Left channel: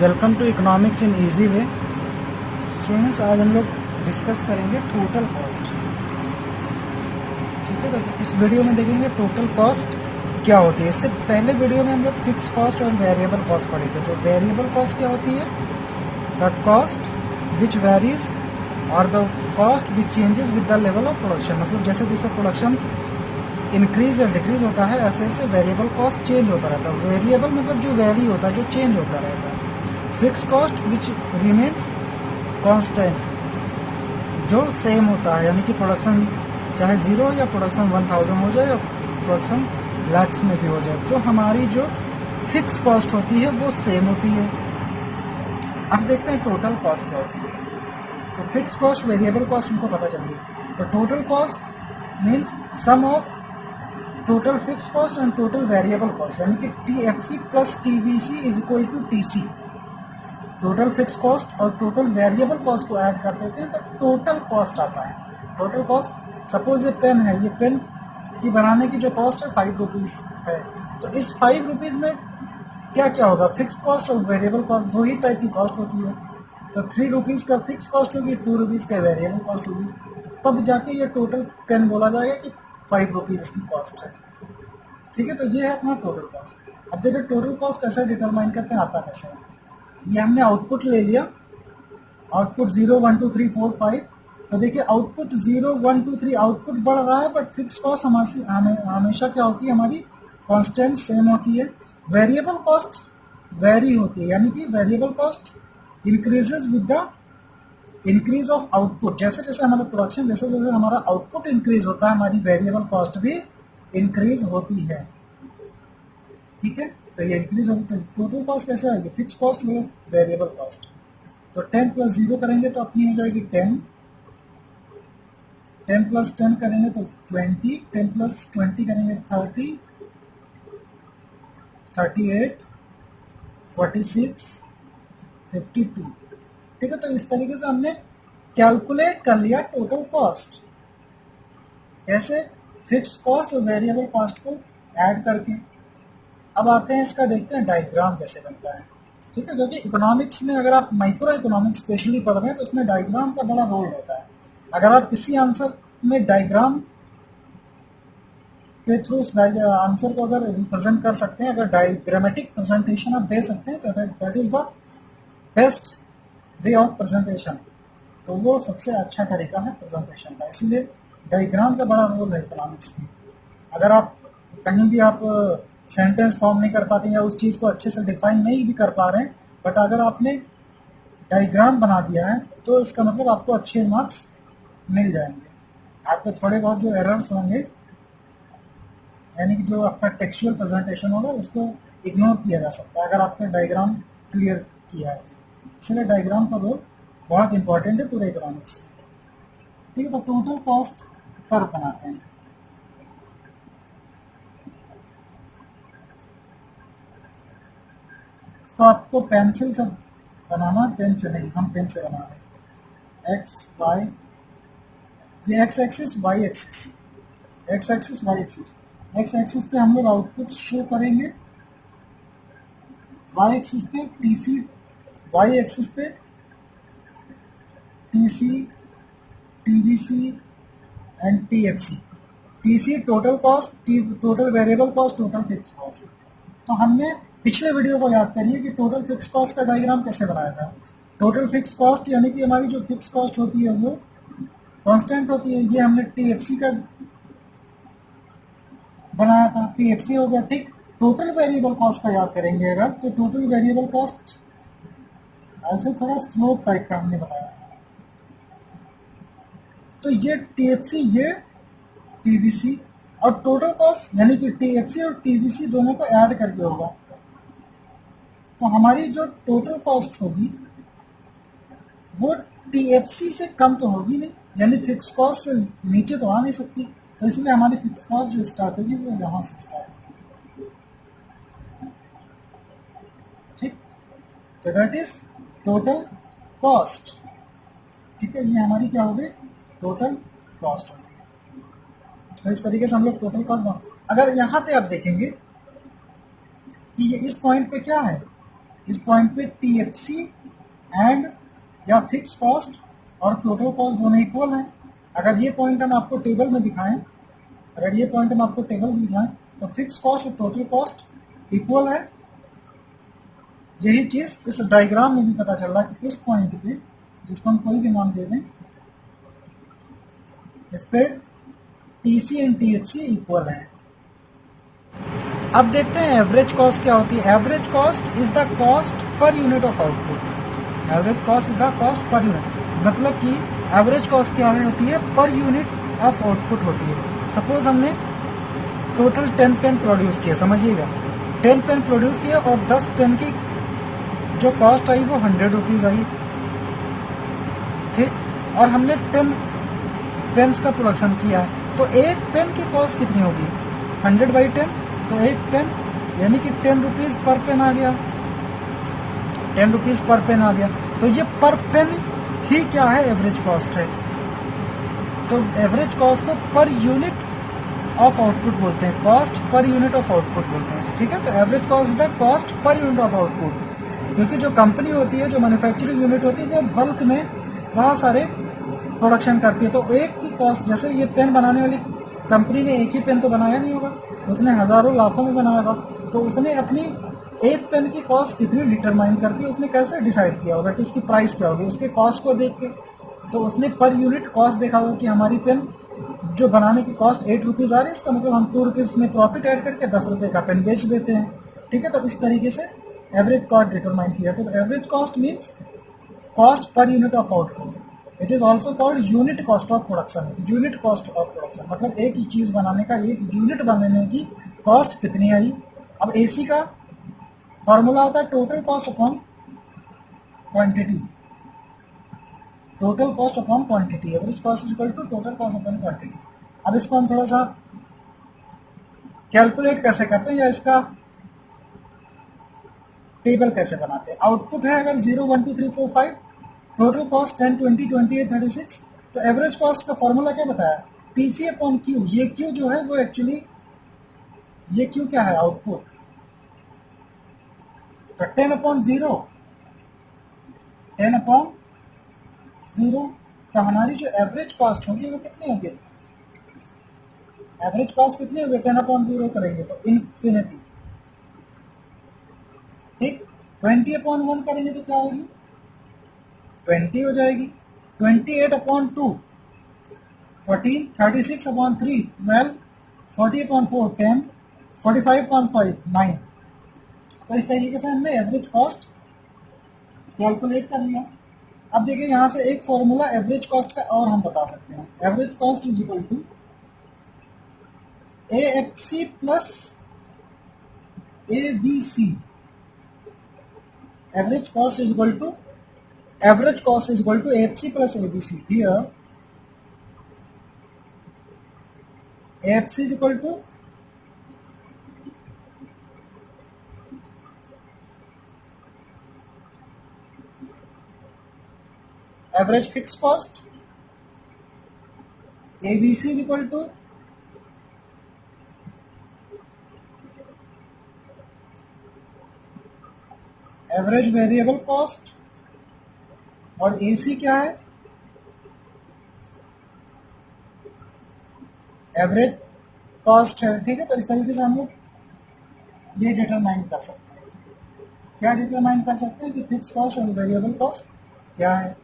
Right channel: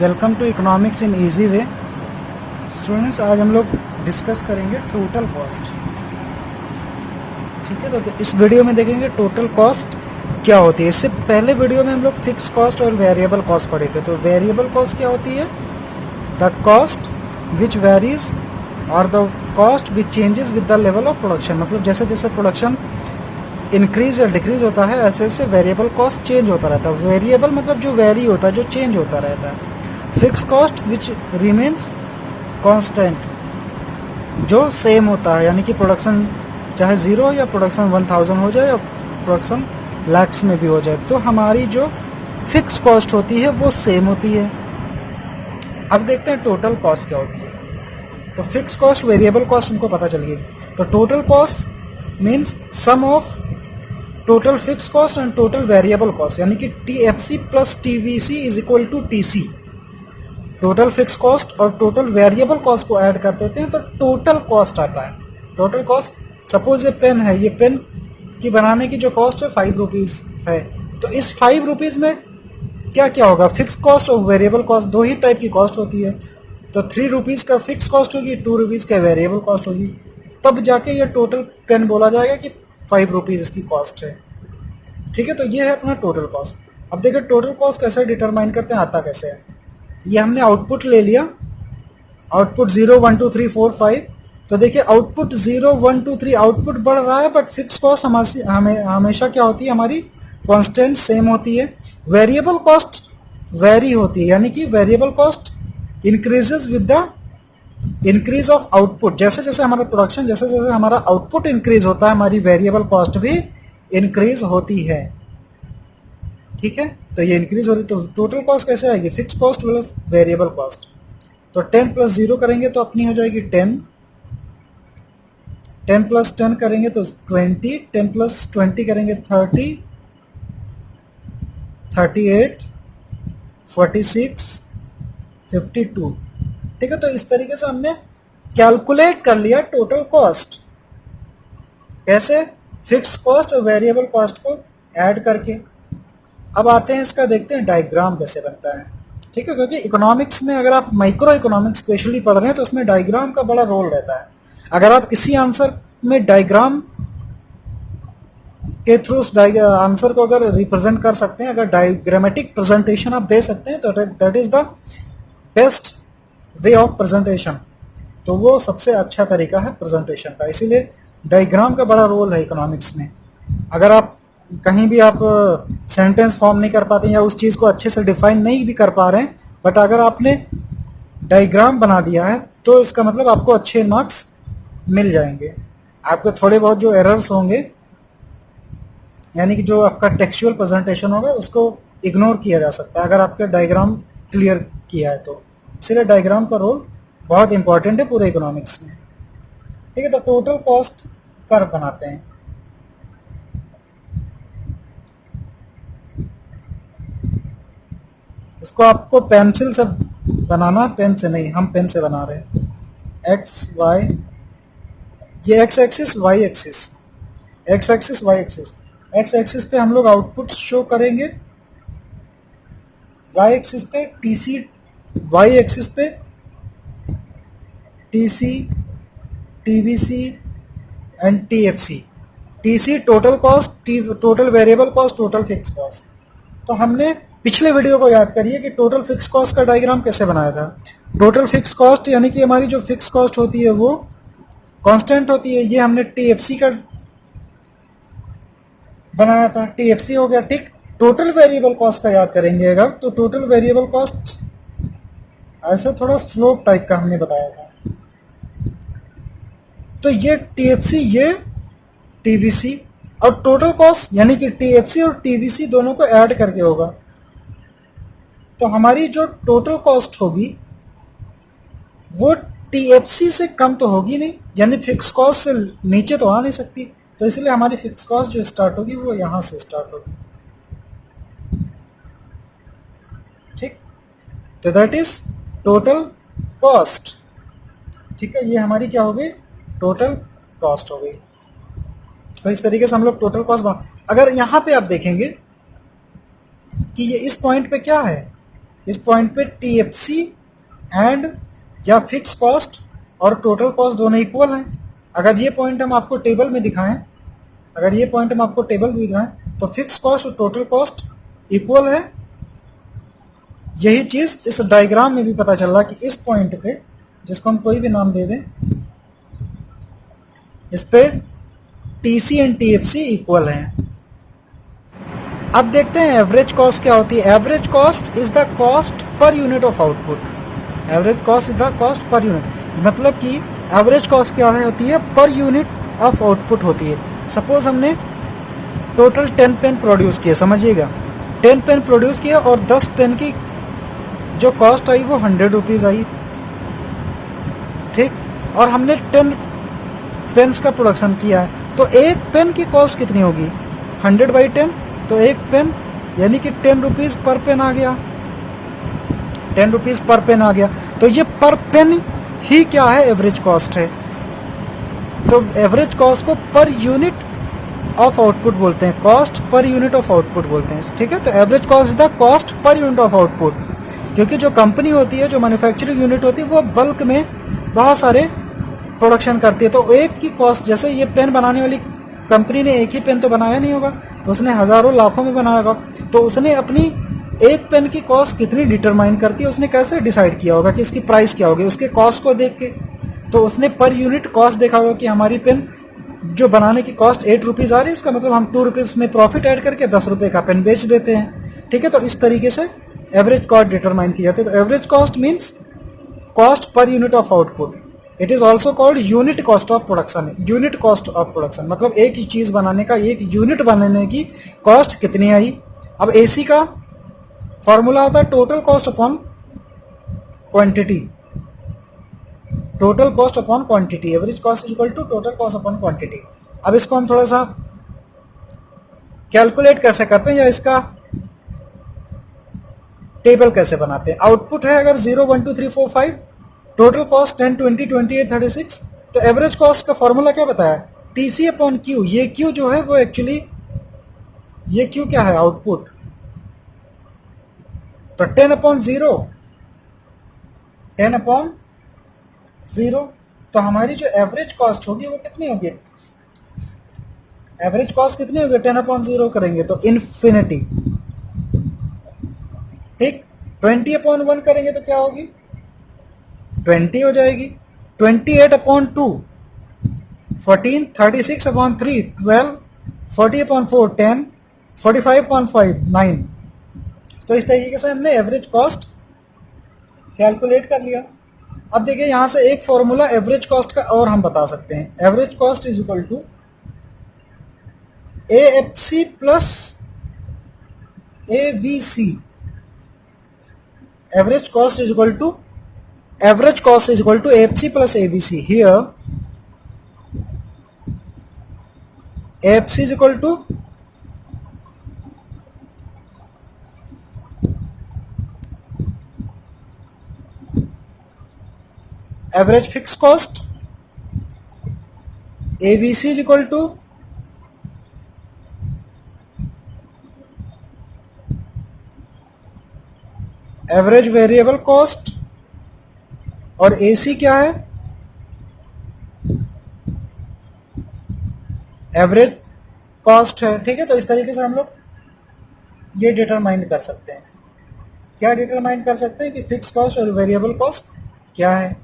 Welcome to economics in easy way. Students, आज हम लोग डिस्कस करेंगे टोटल कॉस्ट। ठीक है, तो इस वीडियो में देखेंगे टोटल कॉस्ट क्या होती है। इससे पहले वीडियो में हम लोग फिक्स कॉस्ट और वेरिएबल कॉस्ट पढ़े थे। तो वेरिएबल कॉस्ट क्या होती है? द कॉस्ट विच वेरीज और the cost which changes with the level of production. मतलब जैसे जैसे प्रोडक्शन इंक्रीज या डिक्रीज होता है ऐसे ऐसे वेरिएबल कॉस्ट चेंज होता रहता है। वेरिएबल मतलब जो वेरी होता है, जो चेंज होता रहता है। Fix cost which remains constant, जो सेम होता है, यानी कि प्रोडक्शन चाहे 0 या प्रोडक्शन 1000 हो जाए या प्रोडक्शन लैक्स में भी हो जाए, तो हमारी जो फिक्स कॉस्ट होती है वो सेम होती है। अब देखते हैं टोटल कॉस्ट क्या होती है। तो फिक्स कॉस्ट, वेरिएबल कॉस्ट हमको पता चल गई। तो total cost means sum of total fix cost and total variable cost, यानी कि TFC plus TVC is equal to TC। Total fix cost और टोटल वेरिएबल कॉस्ट को ऐड कर देते हैं तो टोटल कॉस्ट आता है। टोटल कॉस्ट, सपोज ये पेन है, ये पेन की बनाने की जो कॉस्ट है 5 रुपीज़ है। तो इस 5 रुपीज़ में क्या क्या होगा? फिक्स कॉस्ट और वेरिएबल कॉस्ट, दो ही टाइप की कॉस्ट होती है। तो 3 रुपीज़ का फिक्स कॉस्ट होगी, 2 रुपीज़ का वेरिएबल कॉस्ट होगी, तब जाके ये टोटल पेन बोला जाएगा कि 5 रुपीज़ इसकी कॉस्ट है। ठीक है, तो ये है अपना टोटल कॉस्ट। अब देखिए टोटल कॉस्ट कैसे डिटरमाइन करते हैं, आता कैसे है। ये हमने आउटपुट ले लिया, आउटपुट 0 1 2 3 4 5। तो देखिए आउटपुट 0 1 2 3 आउटपुट बढ़ रहा है, बट फिक्स कॉस्ट हमेशा क्या होती है, हमारी कांस्टेंट सेम होती है। वेरिएबल कॉस्ट वेरी होती है, यानी कि variable cost increases with the increase of output. जैसे जैसे हमारा प्रोडक्शन, जैसे जैसे हमारा आउटपुट इंक्रीज होता है, हमारी वेरिएबल कॉस्ट भी इंक्रीज होती है। ठीक है, तो ये इंक्रीज हो रही। तो टोटल कॉस्ट कैसे आएगी? Fix cost plus variable cost. तो 10 प्लस 0 करेंगे तो अपनी हो जाएगी 10, 10 प्लस 10 करेंगे तो 20, 10 प्लस 20 करेंगे 30, 38, 46, 52। ठीक है, तो इस तरीके से हमने कैलकुलेट कर लिया टोटल कॉस्ट। कैसे? फिक्स कॉस्ट और वेरिएबल कॉस्ट को ऐड करके। अब आते हैं इसका, देखते हैं डायग्राम कैसे बनता है। ठीक है, क्योंकि इकोनॉमिक्स में अगर आप माइक्रो इकोनॉमिक्स स्पेशली पढ़ रहे हैं तो उसमें डायग्राम का बड़ा रोल रहता है। अगर आप किसी आंसर में डायग्राम के थ्रू उस आंसर को अगर रिप्रेजेंट कर सकते हैं, अगर डायग्रामेटिक प्रेजेंटेशन आप दे सकते हैं, तो that is the best way of presentation. तो वो सबसे अच्छा तरीका है प्रेजेंटेशन का, इसीलिए डायग्राम का बड़ा रोल है इकोनॉमिक्स में। अगर आप कहीं भी आप सेंटेंस फॉर्म नहीं कर पाते या उस चीज़ को अच्छे से डिफाइन नहीं भी कर पा रहे हैं, बट अगर आपने डायग्राम बना दिया है तो इसका मतलब आपको अच्छे मार्क्स मिल जाएंगे। आपके थोड़े बहुत जो एरर्स होंगे, यानी कि जो आपका टेक्सचुअल प्रेजेंटेशन होगा, उसको इग्नोर किया जा सकता है अगर आपका डायग्राम क्लियर किया है तो। इसलिए डायग्राम का रोल बहुत इंपॉर्टेंट है पूरे इकोनॉमिक्स में। ठीक है, तो टोटल कॉस्ट कर्व बनाते हैं। इसको आपको पेंसिल से बनाना, पेन से नहीं, हम पेन से बना रहे हैं। एक्स वाई, ये x axis, y axis, x axis y axis. X axis पे हम लोग आउटपुट शो करेंगे, वाई एक्सिस पे टीसी, वाई एक्सिस पे TC, TVC and TFC. TC total cost, total variable cost, total fix cost. तो हमने पिछले वीडियो को याद करिए कि टोटल फिक्स कॉस्ट का डायग्राम कैसे बनाया था। टोटल फिक्स कॉस्ट यानी कि हमारी जो फिक्स कॉस्ट होती है वो कांस्टेंट होती है। ये हमने टीएफसी का बनाया था, टीएफसी हो गया। ठीक, टोटल वेरिएबल कॉस्ट का याद करेंगे अगर, तो टोटल वेरिएबल कॉस्ट ऐसे थोड़ा स्लोप टाइप का हमने बताया था। तो ये टीएफसी, ये टीवीसी, और टोटल कॉस्ट यानी कि टीएफसी और टीवीसी दोनों को ऐड करके होगा। तो हमारी जो टोटल कॉस्ट होगी वो टीएफसी से कम तो होगी नहीं, यानी फिक्स कॉस्ट से नीचे तो आ नहीं सकती। तो इसलिए हमारी फिक्स कॉस्ट जो स्टार्ट होगी वो यहां से स्टार्ट होगी। ठीक, तो दैट इज टोटल कॉस्ट। ठीक है, ये हमारी क्या हो गई? टोटल कॉस्ट हो गई। तो इस तरीके से हम लोग टोटल कॉस्ट अगर यहाँ पे आप देखेंगे कि ये इस पॉइंट पे क्या है, इस पॉइंट पे टीएफसी एंड या फिक्स कॉस्ट और टोटल कॉस्ट दोनों इक्वल हैं। अगर ये पॉइंट हम आपको टेबल में दिखाएं, तो फिक्स कॉस्ट और टोटल कॉस्ट इक्वल है। यही चीज इस डायग्राम में भी पता चल रहा कि इस पॉइंट पे, जिसको हम कोई भी नाम दे दें, इस पे टीसी एंड टीएफसी इक्वल हैं। अब देखते हैं एवरेज कॉस्ट क्या होती है। Average cost is the cost per unit of output. Average cost is the cost per unit, मतलब कि एवरेज कॉस्ट क्या होती है, पर यूनिट ऑफ आउटपुट होती है। सपोज हमने टोटल 10 पेन प्रोड्यूस किए, समझिएगा 10 पेन प्रोड्यूस किए और 10 पेन की जो कॉस्ट आई वो 100 रुपीज़ आई, ठीक। और हमने 10 पेन्स का प्रोडक्शन किया है, तो एक पेन की कॉस्ट कितनी होगी, 100/10, तो एक पेन यानी कि 10 रुपीज़ पर पेन आ गया, 10 रुपीज़ पर पेन आ गया। तो ये पर पेन ही क्या है, एवरेज कॉस्ट है। तो एवरेज कॉस्ट को पर यूनिट ऑफ आउटपुट बोलते हैं, cost per unit of output बोलते हैं, ठीक है। तो average cost is the cost per unit of output, क्योंकि जो कंपनी होती है, जो मैन्युफैक्चरिंग यूनिट होती है, वो बल्क में बहुत सारे प्रोडक्शन करती है। तो एक की कॉस्ट, जैसे ये पेन बनाने वाली कंपनी ने एक ही पेन तो बनाया नहीं होगा, उसने हजारों लाखों में बनाया होगा, तो उसने अपनी एक पेन की कॉस्ट कितनी डिटरमाइन करती है, उसने कैसे डिसाइड किया होगा कि इसकी प्राइस क्या होगी, उसके कॉस्ट को देख के। तो उसने पर यूनिट कॉस्ट देखा होगा कि हमारी पेन जो बनाने की कॉस्ट 8 रुपीज़ आ रही है, इसका मतलब हम 2 रुपीज़ में प्रॉफिट ऐड करके 10 रुपये का पेन बेच देते हैं, ठीक है। तो इस तरीके से एवरेज कॉस्ट डिटरमाइन की जाती है। तो average cost means cost per unit of output. It is also called unit cost of production. Unit cost of production मतलब एक ही चीज बनाने का, एक यूनिट बनाने की कॉस्ट कितनी आई। अब एसी का फॉर्मूला होता है total cost upon quantity, total cost upon quantity. Average cost is equal to total cost upon quantity. अब इसको हम थोड़ा सा कैलकुलेट कैसे करते हैं या इसका टेबल कैसे बनाते हैं। आउटपुट है अगर 0 1 2 3 4 5, टोटल कॉस्ट 10 20 28 36, तो एवरेज कॉस्ट का फॉर्मूला क्या बताया, टीसी अपॉन क्यू। ये क्यू जो है वो एक्चुअली, ये क्यू क्या है, आउटपुट। तो 10 अपॉन 0, 10 अपॉन 0, तो हमारी जो एवरेज कॉस्ट होगी वो कितनी होगी, एवरेज कॉस्ट कितनी होगी, 10 अपॉन 0 करेंगे तो इन्फिनिटी, ठीक। 20 अपॉन 1 करेंगे तो क्या होगी, 20 हो जाएगी। 28 अपॉन 2 14, 36 अपॉन 3 12, 40 अपॉन 4 10, 45 अपॉन 5 9। तो इस तरीके से हमने एवरेज कॉस्ट कैलकुलेट कर लिया। अब देखिए यहां से एक फॉर्मूला एवरेज कॉस्ट का और हम बता सकते हैं। Average cost is equal to AFC plus AVC। Average cost is equal to AFC plus AVC. Here AFC is equal to average fixed cost, AVC is equal to average variable cost, और AC क्या है, average cost है, ठीक है। तो इस तरीके से हम लोग ये डिटरमाइन कर सकते हैं। क्या डिटरमाइन कर सकते हैं कि फिक्स कॉस्ट और वेरिएबल कॉस्ट क्या है।